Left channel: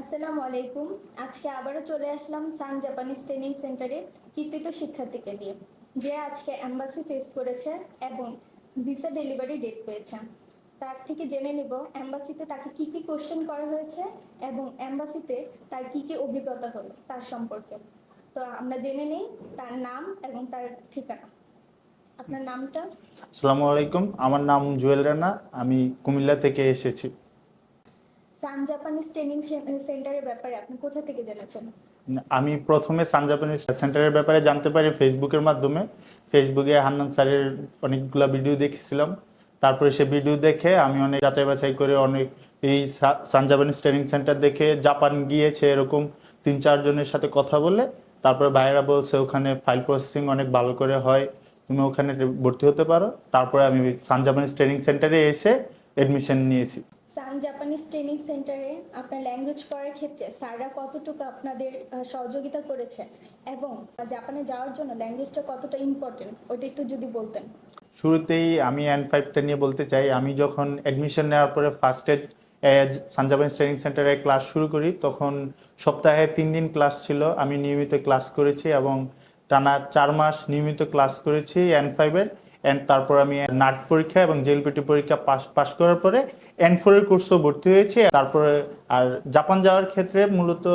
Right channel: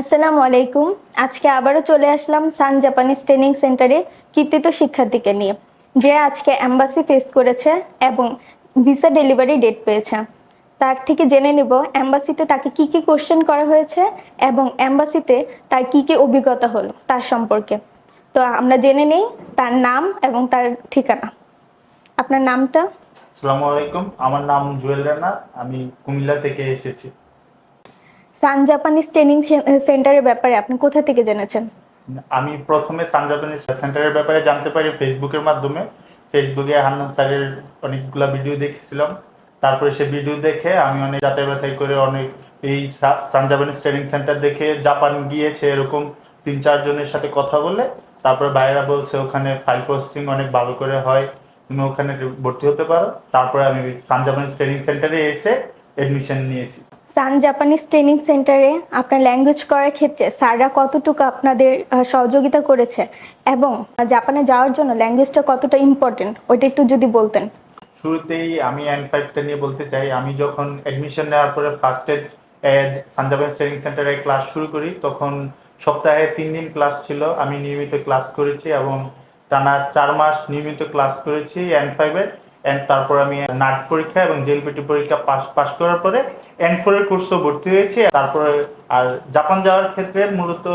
আসসালামু আলাইকুম। আজকে আবারও চলে আসলাম সান জাপানিজ ট্রেনিং সেন্টারে কৃতিত শিক্ষার্থীকে নিয়ে, যে আজকে অ্যাম্বাসি ফেস করেছে এবং ভিসা ডেলিভারি ডেট পেয়েছে। তার থেকে জেনে নেব অ্যাম্বাসিতে তাকে কি কি কোশ্চেন করা হয়েছে এবং অ্যাম্বাসিতে তার কি কি অভিজ্ঞতা হলো তার সম্পর্কে। তো আমরা জেনে নেই তার নাম এবং তার ঠিকানা। আপনার নামটা? আসসালামু আলাইকুম, আমার নাম জুয়েল রানা, আমি কুমিল্লা থেকে এসেছি। সান জাপানিজ ট্রেনিং সেন্টারের ব্যাপারে আপনি কোথা থেকে জেনেছেন? আমি প্রথমে সানজাপানিজ সেন্টারের ব্যাপারে জানতে পারি ফেসবুকের মাধ্যমে। ফেসবুকে হান্নান স্যারের অনেকগুলো ভিডিও দেখেছিলাম। তারপরে সে ভিডিও দেখে আমি অনেক যাচাই বাছাই করে অনেক এই সানজাপানিজ ট্রেনিং সেন্টার দেখে জাপান গিয়েছে এরকম তিন চারজনের সাথে কথা বলে। তারপরে ভাইয়েরা বলছে ওখানে ফাইল প্রসেসিং অনেক ভালো করে হয়, তুমি ওখানে ভর্তি হতে পারো। তারপরে আমি সানজাপানিজ ট্রেনিং সেন্টারে এসে এডমিশন নিয়েছি। সান জাপানিজ ট্রেনিং সেন্টারে আপনার ল্যাঙ্গুয়েজ করার ক্ষেত্রে স্যাররা কতটুকু আপনাদের সহযোগিতা করেছে এবং জাপানে যাওয়ার জন্য ল্যাঙ্গুয়েজটা কতটা ইম্পর্টেন্ট ওইটা একটু যদি বলতেন। শুরুতেই আমি এন ফাইভটা নিয়ে বলতে চাই, আমি যখন অ্যাডমিশন নেওয়ার পরে ফার্স্টে সানজাবান ট্রেনিং সেন্টারে ক্লাস শুরু করি, তখন সপ্তাহে তিন দিন ক্লাস ছিল, আমি নিয়মিত ক্লাস করেছি এবং টানা চার মাস নিয়মিত ক্লাস করেছি এন ফাইভের তারপর আমি নাট পরীক্ষা এবং জেএলপিটি পরীক্ষা পাস করার পরে এন ফোরের কোর্সও ভর্তি হয়েছি। তারপরে আর জাপান যাওয়ার ক্ষেত্রে মূলত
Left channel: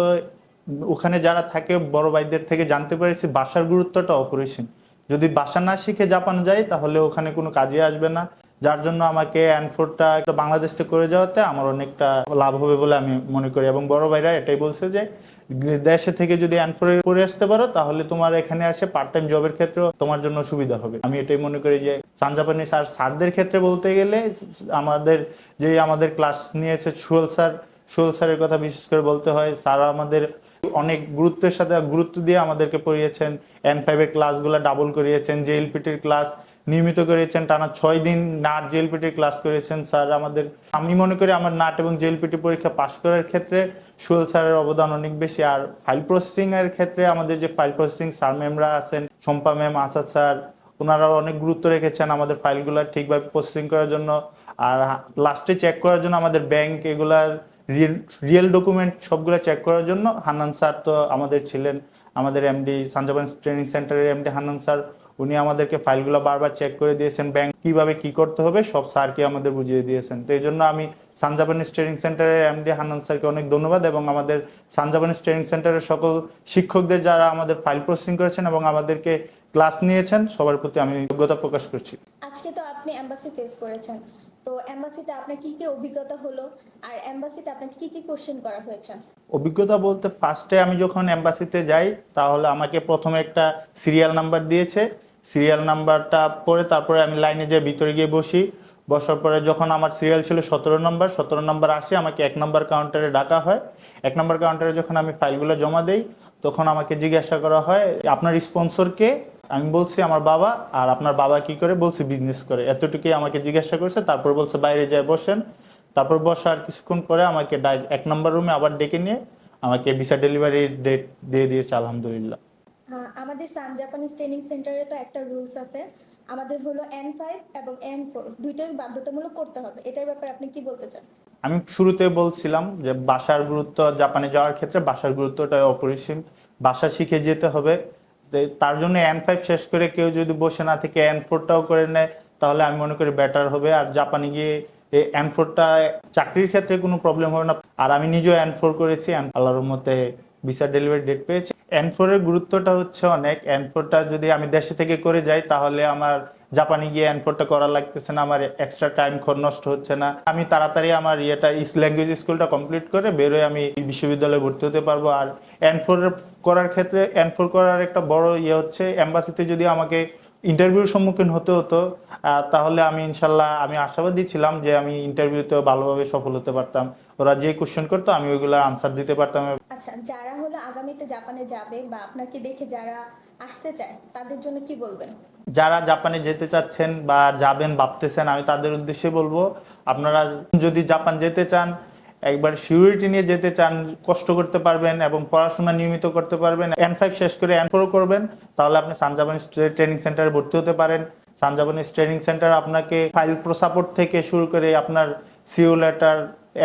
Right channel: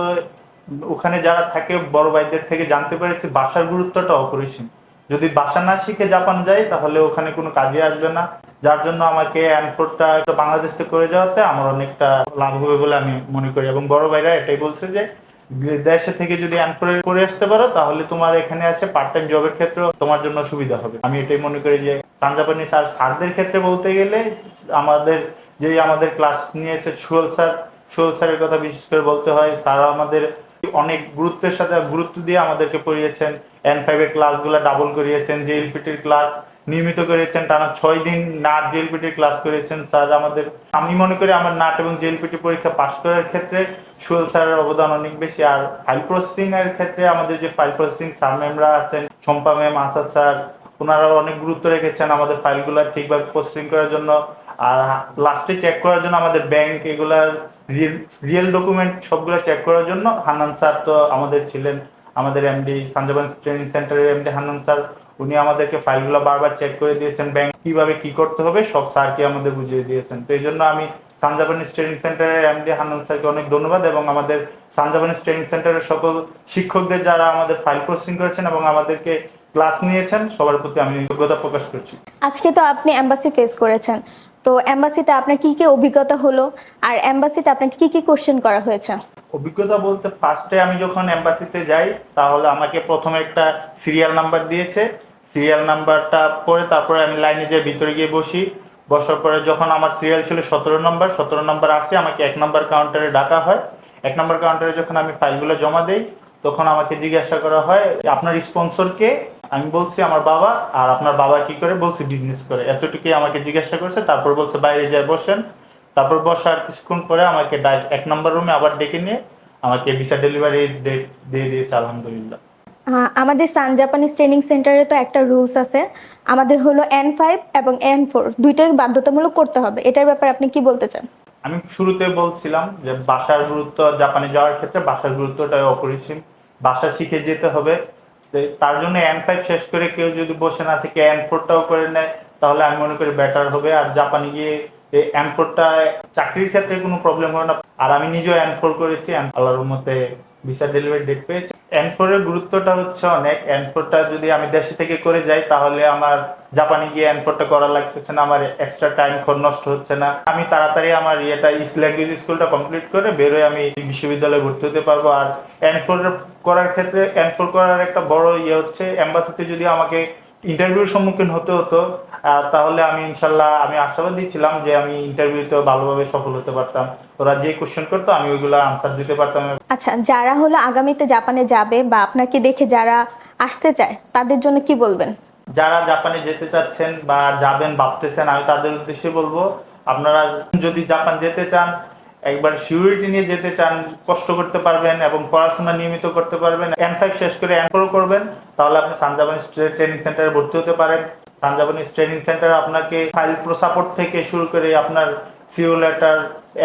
ওখানে যারা থাকে, বড় ভাইদের থেকে জানতে পেরেছি বাসার গুরুত্বটা অপরিসীম। যদি বাসা না শিখে জাপান যাই তাহলে ওখানে কোনো কাজে আসবে না। যার জন্য আমাকে অ্যানফোর্ডটা বাংলাদেশ থেকে করে যাওয়াতে আমার অনেকটা লাভ হবে বলে আমি মনে করি। এবং বড় ভাইরা এটাই বলছে যে দেশে থেকে যদি অ্যানফোরে করে আসতে পারো, তাহলে তোমার এখানে আসে পার্ট টাইম জবের ক্ষেত্রে তোমার জন্য সুবিধা হবে। আমি এটাই মনে করি যে সানজাপানি স্যার স্যারদের ক্ষেত্রে বলতে গেলে, আমাদের যে আমাদের ক্লাস নিয়েছে সুয়েল স্যার সুয়েল স্যারের কথা বিশেষ করে বলতে হয় স্যার আমাদের অনেক গুরুত্বের সাথে গুরুত্ব দিয়ে আমাদেরকে পড়িয়েছেন এন ফাইভের ক্লাসগুলো ডাবল করিয়েছেন জেএলপিটির ক্লাস নিয়মিত করেছেন টানা ছয় দিন নাট জেএলপিটির ক্লাস করেছেন স্যার। আমাদের, আমি মনে করি আমার নাট এবং জেএলপিটি পরীক্ষা পাশ করার ক্ষেত্রে সুয়েল স্যারের অবদান অনেক বেশি। আর ফাইল প্রসেসিং এর ক্ষেত্রে আমাদের যে ফাইল প্রসেসিং স্যার ম্যামরা আছেন, শম্পা ম্যাম আসাদ স্যার, ওনারাও অনেক গুরুত্ব রেখেছেন আমাদের ফাইলগুলো ঠিকভাবে প্রসেসিং করার জন্য। আর লাস্টে চেক করার জন্য আমাদের ব্যাংক এগুলার রিয়েল রিয়েল ডকুমেন্ট সবগুলো চেক করার জন্য হান্নান স্যার তো আমাদের ছিলেন, আমাদের এমডি সানজাবান ট্রেনিং সেন্টারের এমডি হান্নান স্যার, উনি আমাদেরকে ফাইলগুলো বারবার চেক করে দিয়েছেন ব্যাংক কীভাবে কি করতে হবে, সব স্যারকে আমাদের বুঝিয়ে দিয়েছেন। তো এই জন্য আমি সানজাবানিজ ট্রেনিং সেন্টারের এমডি হান্নান স্যারকে অনেক ধন্যবাদ এবং আমাদের সানজাবানিজ ট্রেনিং সেন্টারের সকল শিক্ষকদের যারা আমাদের ফাইল প্রসেসিং করেছেন এবং আমাদেরকে ক্লাস নিয়েছেন, সবার প্রতি আমি যোগ্যতা প্রকাশ করছি। আজকে তো আপনি অ্যাম্বাসি ফেস করেছেন। তো অ্যাম্বাসিতে আপনার কি কি অভিজ্ঞতা হলো? আর অ্যাম্বাসিতে আপনাকে কি কি কোশ্চেন করা হয়েছে? অভিজ্ঞতা বলতে ফার্স্টে আমি যখন এম্বাসিতে যাই, তাহলে আমাকে প্রথমে একটা সিরিয়াল নাম্বার দিয়েছে। সিরিয়াল নাম্বারটা পরে তারপরে আমি লাইনে যেয়ে ভিতরে গিয়ে বসি। বসার পরে যখন আমার সিরিয়াল ছিল সতেরো নম্বর সতেরো নম্বর আসে, আমাকে এক নম্বর কাউন্টারে ডাকা হয়। এক নম্বর কাউন্টারে যখন আমি ফাইলগুলো জমা দিই, তখন আমাকে জিজ্ঞাসা করা হয়, আপনার স্পন্সর কে? আমি বলছি আমার বাবা আর আপনার বাবা কি করে? বলছি বিজনেস করে। এতটুকুই আমাকে জিজ্ঞাসা করছে তারপর বলছে বাইরে যায় বসেন। তারপর বসার কিছুক্ষণ পরে আমাকে এক নম্বর রুমে আবার ডেকে নিয়ে আমাকে ভিসা ডেলিভারি ডেট দিয়ে দিয়েছে আলহামদুলিল্লাহ। আমাদের সান জাপানিজ ট্রেনিং সেন্টারে তো একটা রুলস আছে। আমাদের হলো এন ফাইভ এবং এন ফোর দুইটাই বাধ্যতামূলক করতে হবে। এটার ব্যাপারে আপনি কি বলতে চান? আমি শুরুতে বলছিলাম যে ভাষার গুরুত্ব জাপানে যাওয়ার ক্ষেত্রে ভাষার গুরুত্বটা অপরিসীম। ভাষা শিখে যেতে হবে। তার জন্য এন ফাইভ শেষ করে কেউ যদি বসে না থেকে এন ফোরটাও করে নেয়, তাহলে আমি মনে করি বেটার হবে। আর জাপানে গিয়ে এন ফোরটা চাকরির ক্ষেত্রে কোনো প্রবলেম হবে না। আর আমি নিজেও এন ফোর করেছি আল্লাহর মতে ভিসা ডেলিভারি ডেট পেয়েছি। এন ফোর এর গুরুত্বটা হচ্ছে অনেক। এন ফোরটা যদি আমি দেশে থেকে করে যাই, তাহলে আমার জাপানে গিয়ে এন ফোরটা করা লাগতেছে না। আমার এক্সট্রা টাইম নষ্ট হচ্ছে না। আমি তাড়াতাড়ি আমার ইয়েটা ইস ল্যাঙ্গুয়েজ স্কুলটা কমপ্লিট করে বেরোয় আমি বিশ্ববিদ্যালয়ে ভর্তি হতে পারব। আর এন ফোর করার ক্ষেত্রে এন ফোর করার একটা বড় ইয়ে হচ্ছে এম্বাসিতে যদি আমাকে ইন্টারভিউর সম্মুখীন হতে হতো। তাহলে আমি ইনশাল্লাহ আমি আশাবাদী ছিলাম যে আমি ইন্টারভিউতে ভালোভাবে সফল হতে পারতাম। ওরা যে কোশ্চেন করতো আমি ওইগুলো আনসার দিতে পারতাম। আচ্ছা যারা হলো আগামীতে জাপানে যাবে বা আপনাকে দেখে যারা আসতে চায় তাদের জন্য কি বলবেন? যারা জাপানে যেতে চাচ্ছেন বা যাবেন ভাবতেছেন আমি তাদের উদ্দেশ্যে বলব আপনারা যদি জাপান যেতে চান একবার সিউরিটি নিয়ে যেতে চান, কষ্ট করতে পারবেন এবং পড়াশোনা নিয়মিত করতে পারবেন এন ফাইভ শেষ করে এন ফোর করবেন, তাহলে আপনি সানজাপানিজ ট্রেনিং সেন্টারে ভর্তি হতে পারেন। সানজাপানিজ ট্রেনিং সেন্টার আপনাকে ফাইল প্রো সাপোর্ট থেকে শুরু করে আপনার CO letter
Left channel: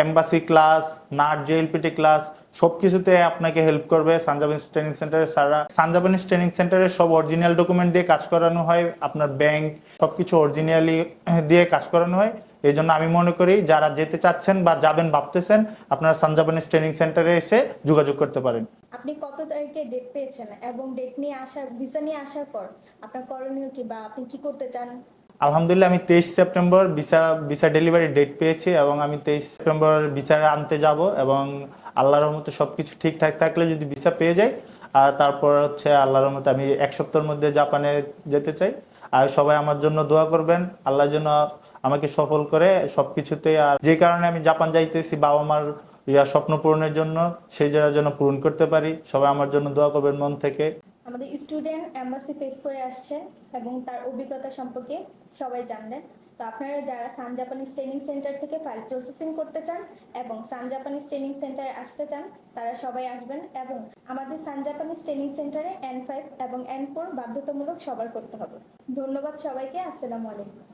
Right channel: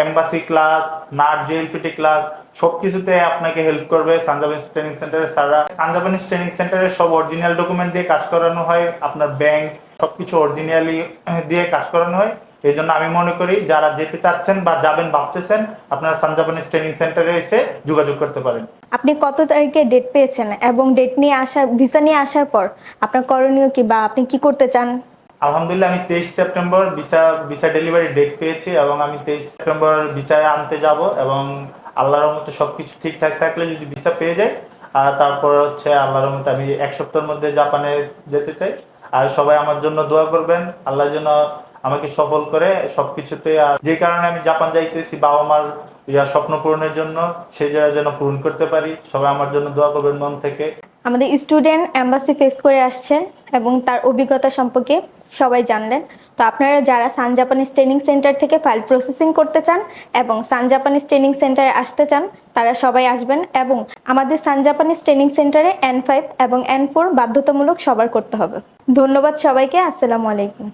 embassy class NAT JLPT class সবকিছুতে আপনাকে হেল্প করবে সানজাপানিজ ট্রেনিং সেন্টারে স্যাররা। সানজাপানিজ ট্রেনিং সেন্টারে সব অরিজিনাল ডকুমেন্ট দিয়ে কাজ করানো হয়, আপনার ব্যাংক সবকিছু অরিজিনালি দিয়ে কাজ করানো হয়। এই জন্য আমি মনে করি যারা যেতে চাচ্ছেন বা যাবেন ভাবতেছেন আপনারা সানজাপানিজ ট্রেনিং সেন্টারে এসে যোগাযোগ করতে পারেন। আপনি কত তারিখে ডেট পেয়েছেন এবং ডেট নিয়ে আসার ভিসা নিয়ে আসার পর আপনার করণীয় কি বা আপনি কি করতে চান? আলহামদুলিল্লাহ আমি তেইশ September visa visa delivery date পেয়েছি এবং আমি তেইশ সেপ্টেম্বর ভিসা আনতে যাব এবং আল্লাহর মতো সবকিছু ঠিকঠাক থাকলে যদি ভিসা পেয়ে যায় আর তারপর হচ্ছে আল্লাহর মতো আমি এক সপ্তাহের মধ্যে জাপানে যেতে চাই। আর সবাই আমার জন্য দোয়া করবেন আল্লাহ যেন আমাকে সফল করে সবকিছুতে যে কারণে আমি জাপান যাইতেছি, বাবা মার ইয়া স্বপ্ন পূরণের জন্য, সেই জায়গা যেন পূরণ করতে পারি। সবাই আমার জন্য দোয়া করবেন মন থেকে। আমাদের স্টুডেন্ট অ্যাম্বাসি ফেস করে আসছেন এবং তার অভিজ্ঞতা সম্পর্কে সবাই জানলেন। তো আপনারা যারা সান জাপানিজ ট্রেনিং সেন্টার থেকে ফাইল প্রসেসিং করতে চান এবং সান জাপানিজ ট্রেনিং সেন্টারে আসতে চান, তারা সবাই আসবেন এবং আমাদের সান জাপানিজ ট্রেনিং সেন্টারে এন ফাইভ এবং এন ফোর বাধ্যতামূলক সবার করতে হবে। ধন্যবাদ সবাইকে। আসসালামু আলাইকুম।